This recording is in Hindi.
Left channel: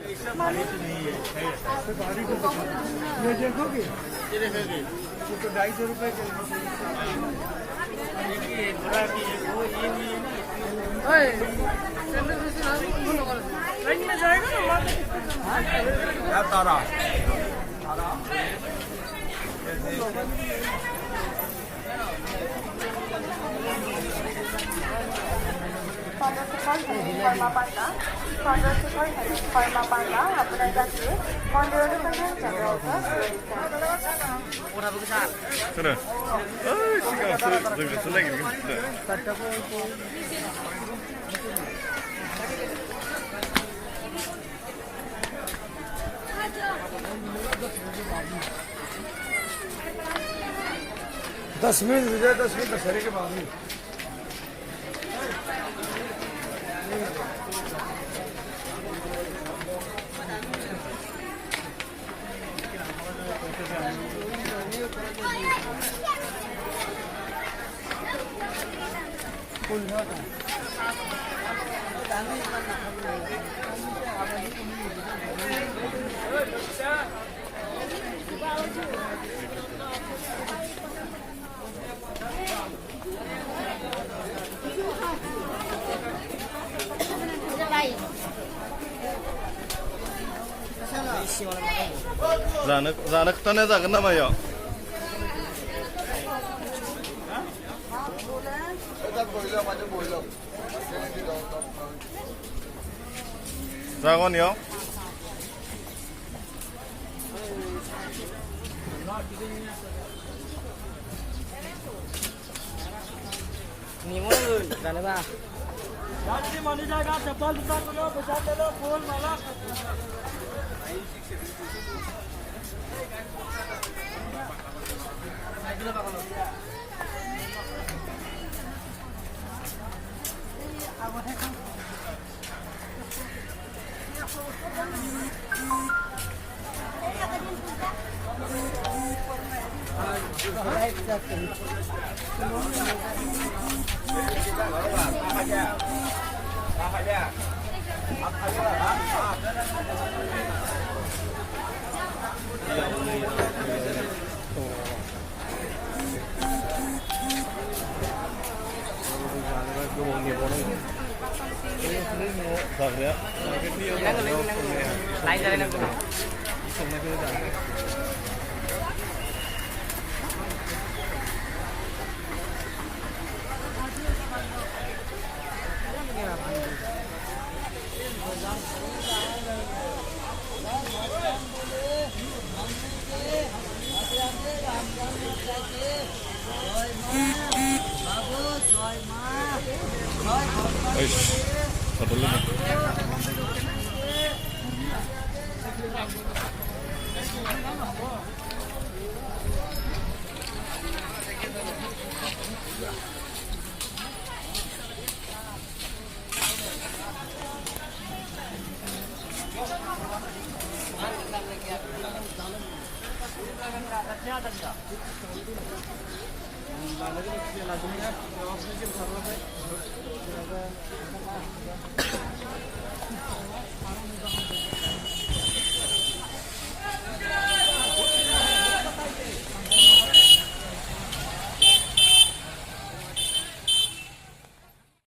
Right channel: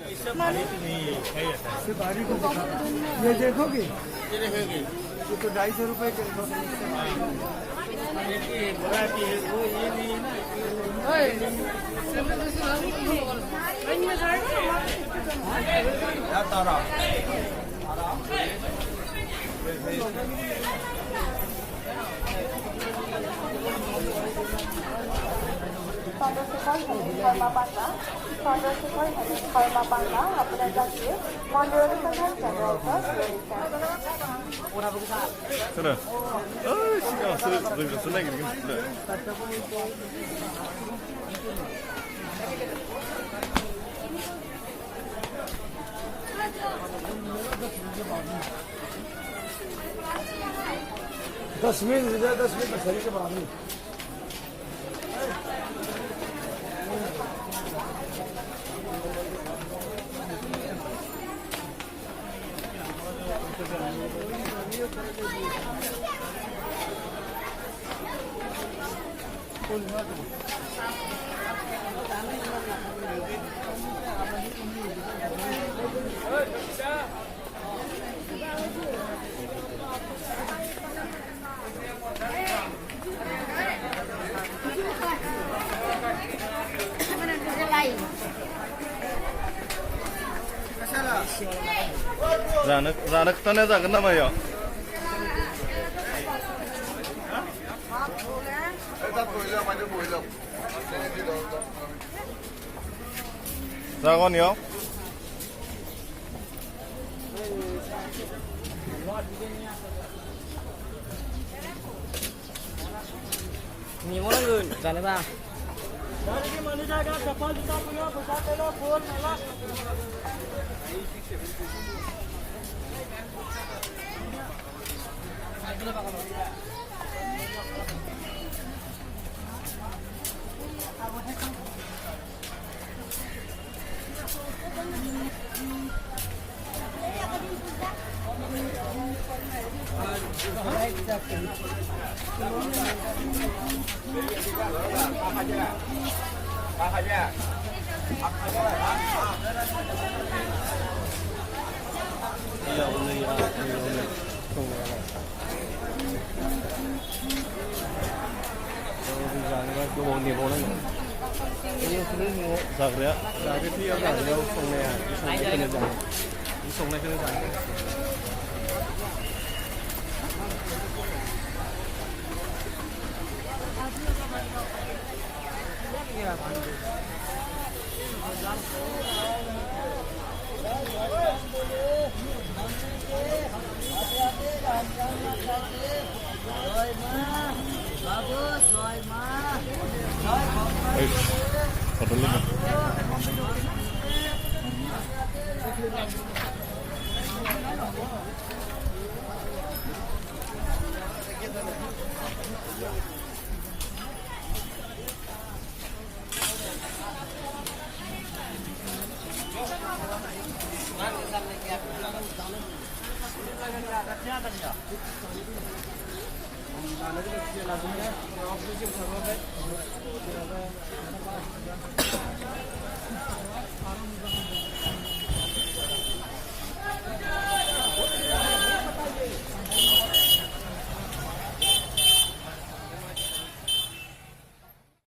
ये देखोगे, ये देखोगे, वो तो 250 रुपए के আপনার কাছে মন্দির অনুসন্ধান চন্দ্রত 그래. 아, 신경 쓰레기는 진짜. दस मिनट हो जाए, 10 मिनट दशहरे के बाद में। 자는 떠내 작은 남아요. 자건이요? 니모는 자네 봐. 그래요? 아이씨, 다 돌리네. लाने के लिए